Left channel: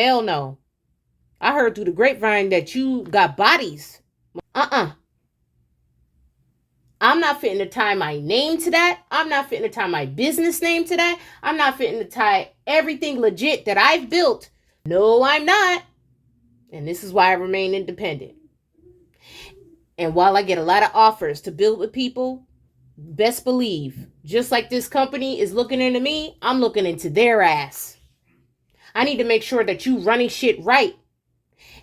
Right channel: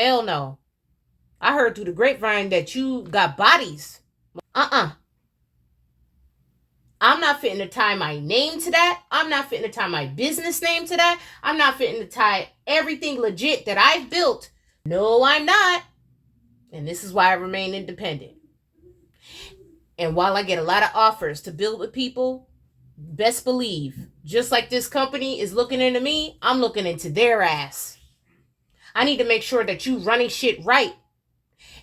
hell no. I heard through the grapevine that you got bodies. I'm not fitting to tie my name to that. I'm not fitting to tie my business name to that. I'm not fitting to tie everything legit that I've built. No, I'm not. And this is why I remain independent. And while I get a lot of offers to build with people, best believe, just like this company is looking into me, I'm looking into their ass. I need to make sure that you running shit right.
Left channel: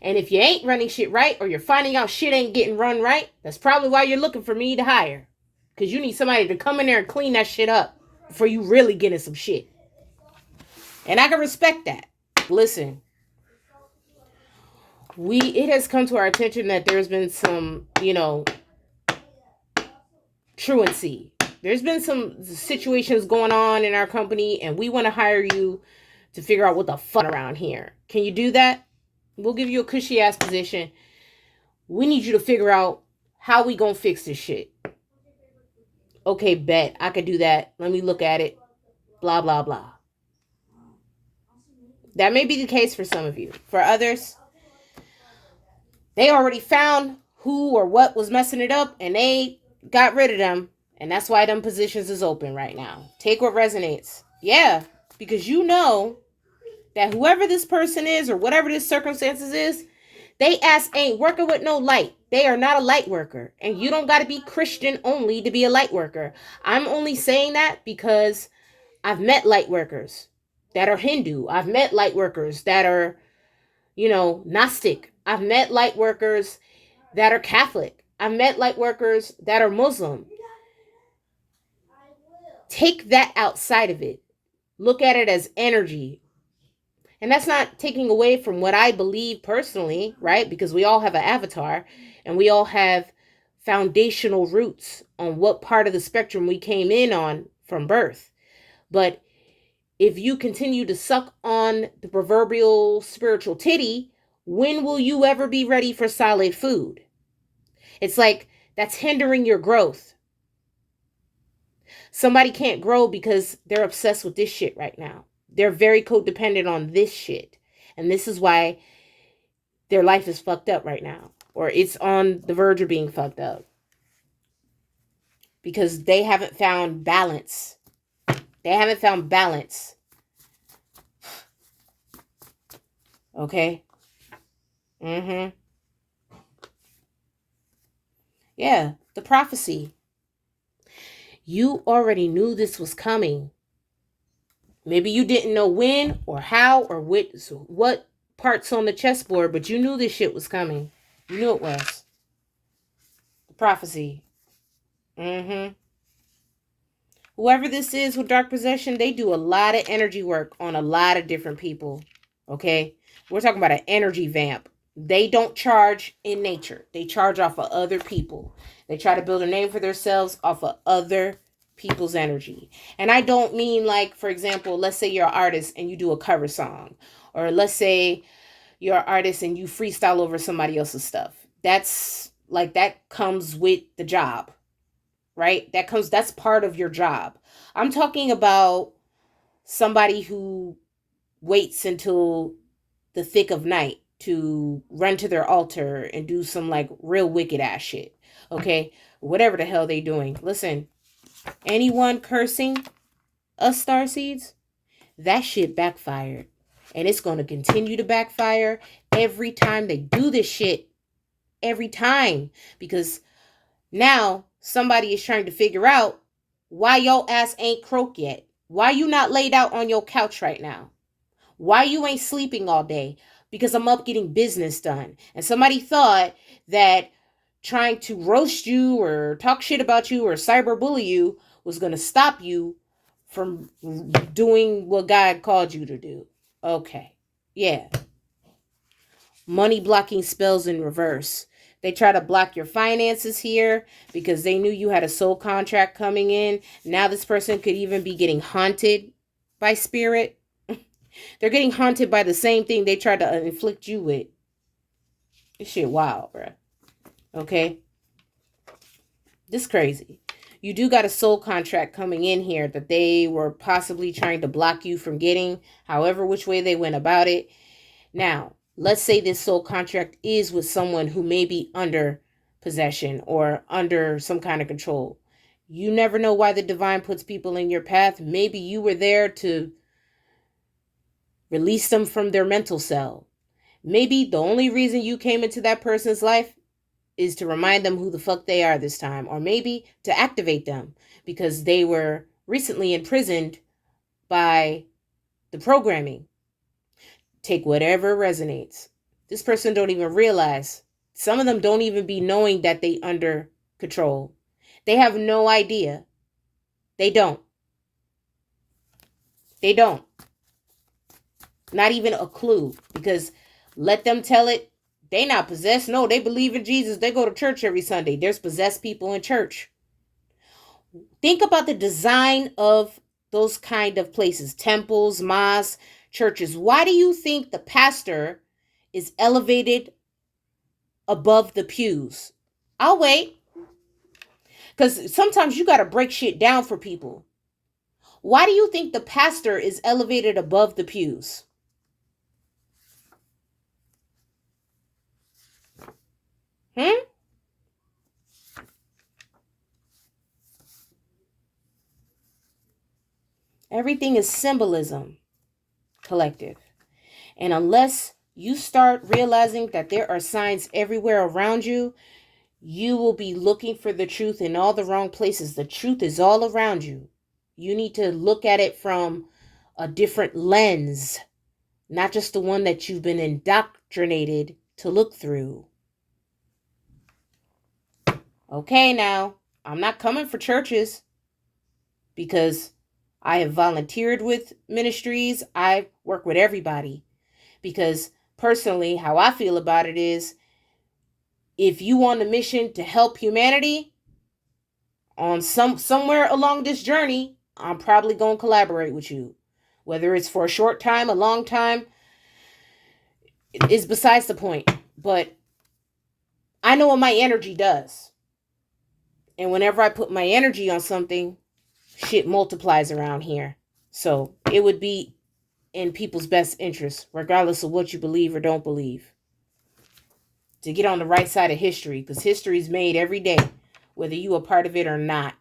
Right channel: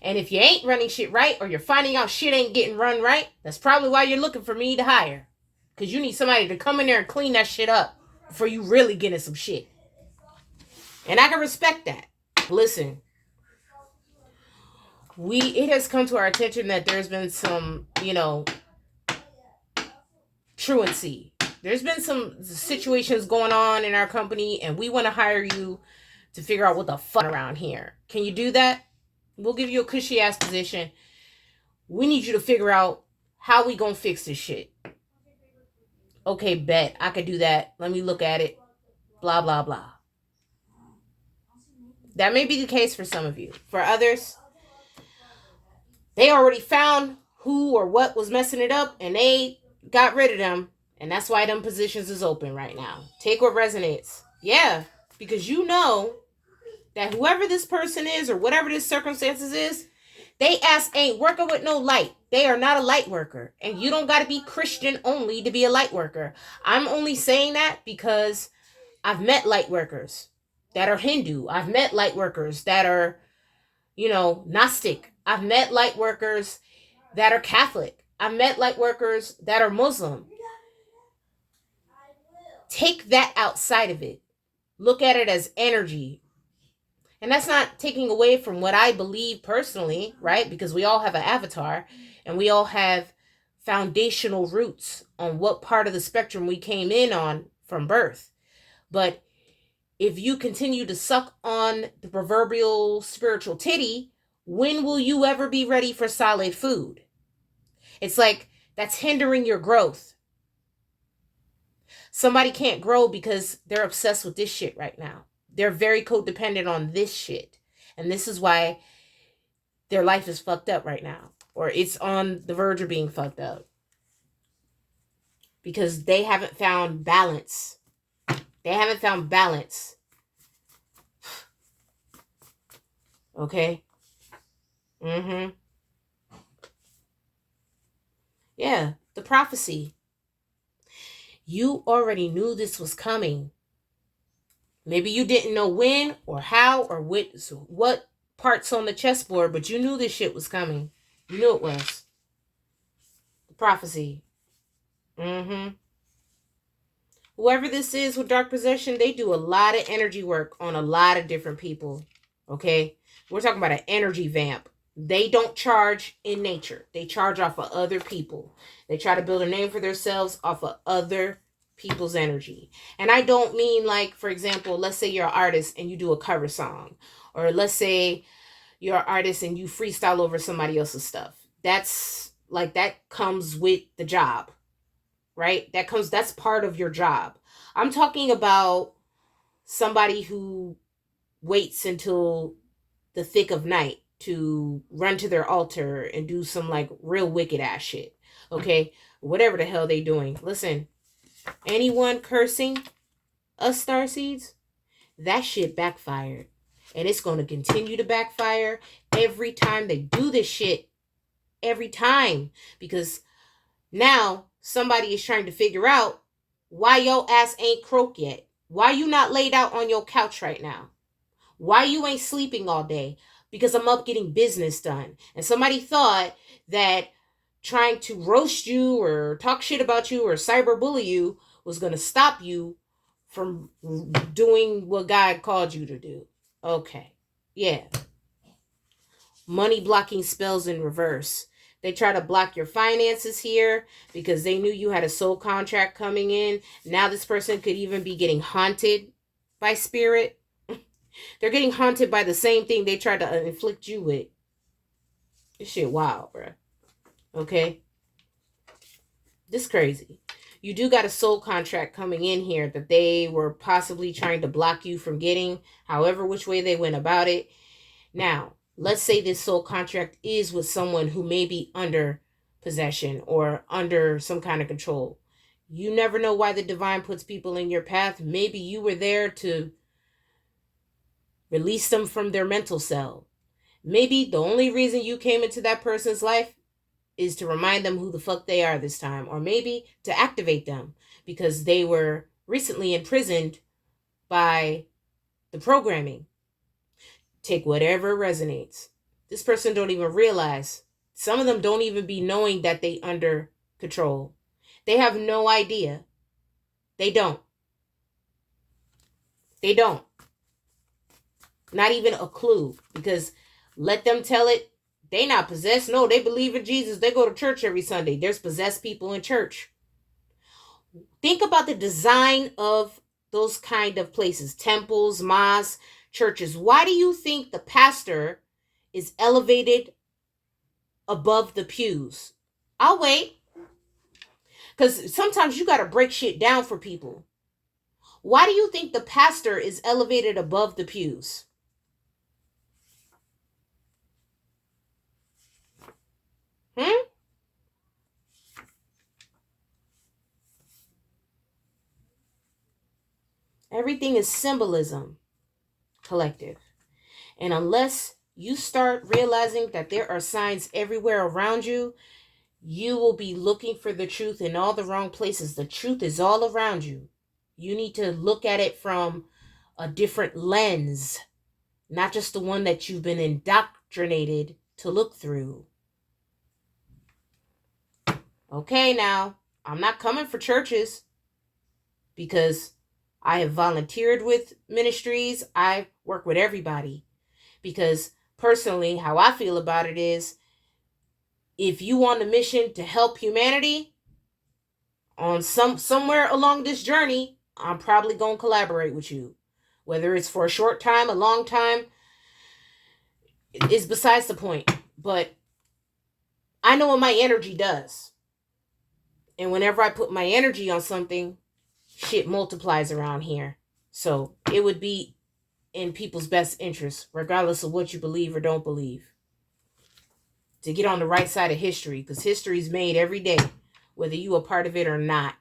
And if you ain't running shit right, or you're finding out shit ain't getting run right, that's probably why you're looking for me to hire. Because you need somebody to come in there and clean that shit up before you really get in some shit. And I can respect that. Listen, it has come to our attention that there's been some, truancy. There's been some situations going on in our company, and we want to hire you to figure out what the fuck around here. Can you do that? We'll give you a cushy ass position. We need you to figure out how we gonna fix this shit. Okay, bet. I could do that. Let me look at it. Blah, blah, blah. That may be the case for some of you. For others, they already found who or what was messing it up, and they got rid of them. And that's why them positions is open right now. Take what resonates. Yeah, because you know that whoever this person is or whatever this circumstances is, they ass ain't working with no light. They are not a light worker. And you don't got to be Christian only to be a light worker. I'm only saying that because I've met light workers that are Hindu. I've met light workers that are, Gnostic. I've met light workers that are Catholic. I've met light workers that are Muslim. Take that outside of it. Look at it as energy. And that's not taking away from what I believe personally, right? Because we all have an avatar and we all have foundational roots on what part of the spectrum we came in on from birth. But if you continue to suck on the proverbial spiritual titty, when will you ever be ready for solid food? It's like that's hindering your growth. Somebody can't grow because they're obsessed with this shit right now. They're very codependent on this shit. And this is why their life is fucked up right now. Or it's on the verge of being fucked up. Because they haven't found balance. They haven't found balance. Okay? Yeah, the prophecy. You already knew this was coming. Maybe you didn't know when or how or what parts on the chessboard, but you knew this shit was coming. You knew it was. The prophecy. Whoever this is with dark possession, they do a lot of energy work on a lot of different people. Okay? We're talking about an energy vamp. They don't charge in nature. They charge off of other people. They try to build a name for themselves off of other people's energy. And I don't mean like, for example, let's say you're an artist and you do a cover song. Or let's say you're an artist and you freestyle over somebody else's stuff. That comes with the job. Right? That's part of your job. I'm talking about somebody who waits until the thick of night to run to their altar and do some like real wicked ass shit. Okay? Whatever the hell they doing. Listen, anyone cursing us starseeds, that shit backfired. And it's going to continue to backfire every time they do this shit. Every time. Because now somebody is trying to figure out why your ass ain't croak yet. Why you not laid out on your couch right now? Why you ain't sleeping all day? Because I'm up getting business done. And somebody thought that trying to roast you or talk shit about you or cyberbully you was going to stop you from doing what God called you to do. Okay. Yeah. Money blocking spells in reverse. They try to block your finances here because they knew you had a soul contract coming in. Now this person could even be getting haunted by spirit. They're getting haunted by the same thing they tried to inflict you with. This shit wild, bro. Okay? This crazy. You do got a soul contract coming in here that they were possibly trying to block you from getting, however which way they went about it. Now, let's say this soul contract is with someone who may be under possession or under some kind of control. You never know why the divine puts people in your path. Maybe you were there to release them from their mental cell. Maybe the only reason you came into that person's life is to remind them who the fuck they are this time, or maybe to activate them because they were recently imprisoned by the programming. Take whatever resonates. This person don't even realize. Some of them don't even be knowing that they under control. They have no idea. They don't. They don't. Not even a clue. Because let them tell it. They not possessed. No, they believe in Jesus. They go to church every Sunday. There's possessed people in church. Think about the design of those kind of places. Temples, mosques, churches. Why do you think the pastor is elevated above the pews? I'll wait. Because sometimes you got to break shit down for people. Why do you think the pastor is elevated above the pews? Everything is symbolism, collective. And unless you start realizing that there are signs everywhere around you, you will be looking for the truth in all the wrong places. The truth is all around you. You need to look at it from a different lens, not just the one that you've been indoctrinated to look through. Okay, now, I'm not coming for churches because I have volunteered with ministries. I work with everybody because personally, how I feel about it is if you on a mission to help humanity on somewhere along this journey, I'm probably going to collaborate with you. Whether it's for a short time, a long time, is besides the point. But I know what my energy does. And whenever I put my energy on something, shit multiplies around here. So it would be in people's best interest, regardless of what you believe or don't believe, to get on the right side of history, because history is made every day, whether you are part of it or not.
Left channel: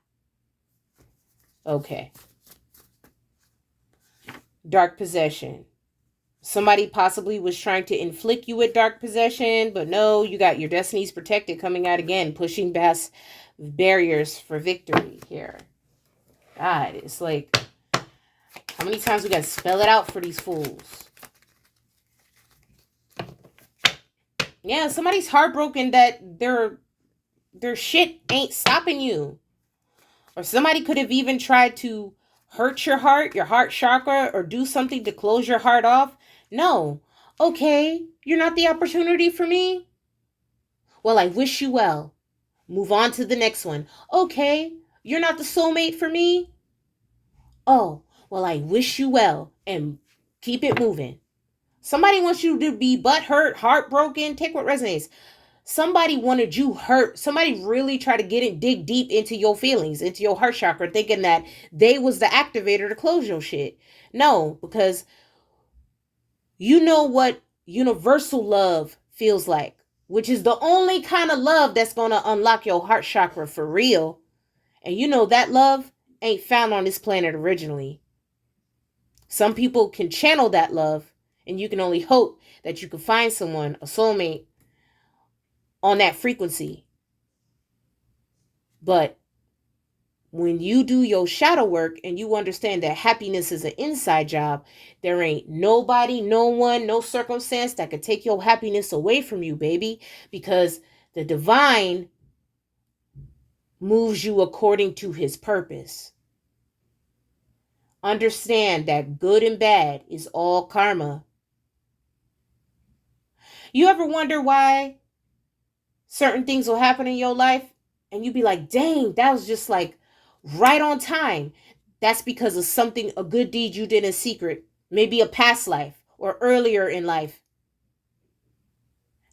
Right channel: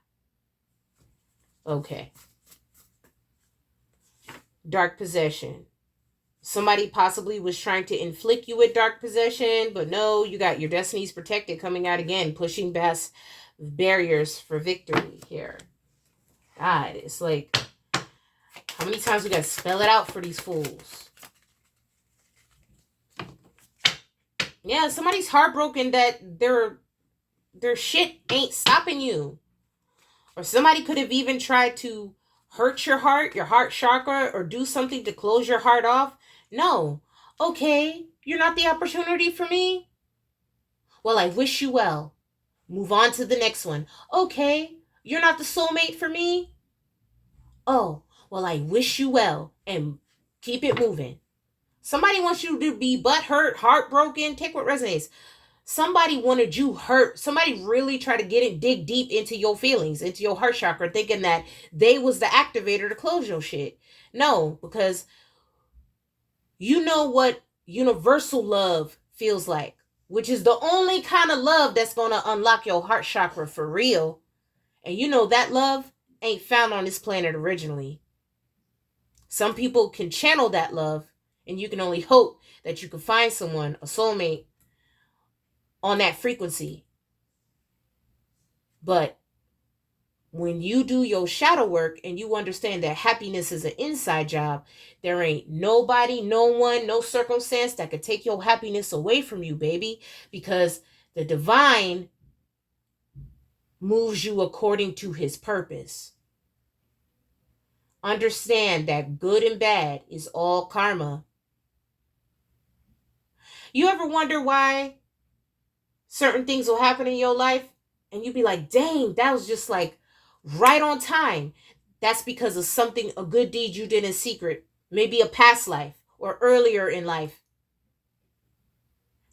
Okay. Dark possession. Somebody possibly was trying to inflict you with dark possession, but no, you got your destinies protected coming out again, pushing past barriers for victory here. God, it's like, how many times we got to spell it out for these fools? Yeah, somebody's heartbroken that their shit ain't stopping you. Or somebody could have even tried to hurt your heart chakra, or do something to close your heart off. No. Okay, you're not the opportunity for me? Well, I wish you well. Move on to the next one. Okay, you're not the soulmate for me? Oh, well, I wish you well, and keep it moving. Somebody wants you to be butthurt, heartbroken. Take what resonates. Somebody wanted you hurt. Somebody really tried to dig deep into your feelings, into your heart chakra, thinking that they was the activator to close your shit. No, because you know what universal love feels like, which is the only kind of love that's going to unlock your heart chakra for real. And you know that love ain't found on this planet originally. Some people can channel that love, and you can only hope that you can find someone, a soulmate, on that frequency. But when you do your shadow work and you understand that happiness is an inside job, there ain't nobody, no one, no circumstance that could take your happiness away from you, baby, because the divine moves you according to his purpose. Understand that good and bad is all karma. You ever wonder why certain things will happen in your life and you be like, dang, that was just like right on time? That's because of something, a good deed you did in secret, maybe a past life or earlier in life.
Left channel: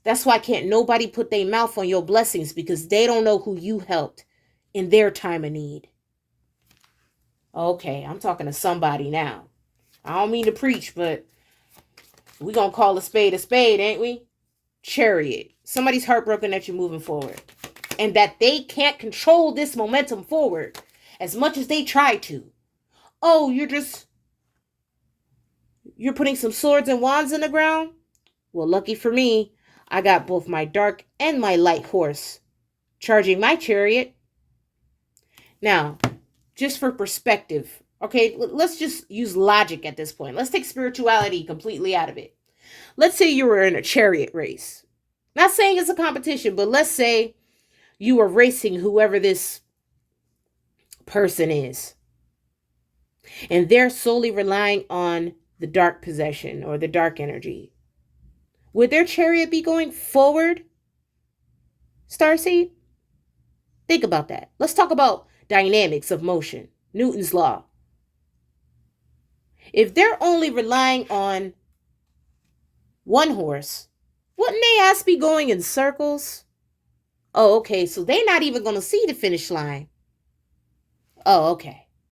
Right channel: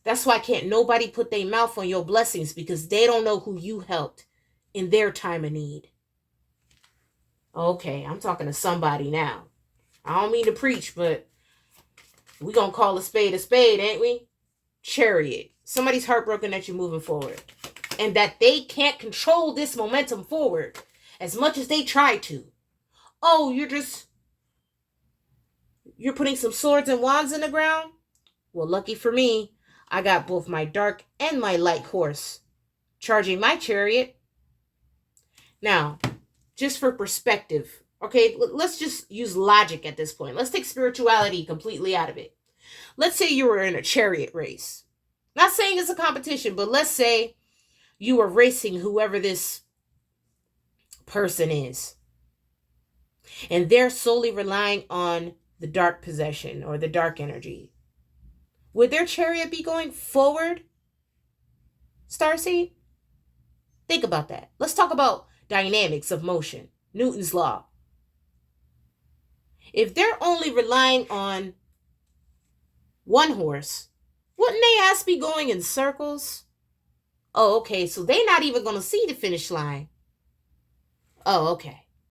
That's why can't nobody put their mouth on your blessings, because they don't know who you helped in their time of need. Okay, I'm talking to somebody now. I don't mean to preach, but We're going to call a spade, ain't we? Chariot. Somebody's heartbroken that you're moving forward. And that they can't control this momentum forward as much as they try to. Oh, you're putting some swords and wands in the ground? Well, lucky for me, I got both my dark and my light horse charging my chariot. Now, just for perspective, okay, let's just use logic at this point. Let's take spirituality completely out of it. Let's say you were in a chariot race. Not saying it's a competition, but let's say you were racing whoever this person is. And they're solely relying on the dark possession or the dark energy. Would their chariot be going forward, Starseed? Think about that. Let's talk about dynamics of motion, Newton's law. If they're only relying on one horse, wouldn't they ass be going in circles? Oh, okay, so they're not even going to see the finish line. Oh, okay.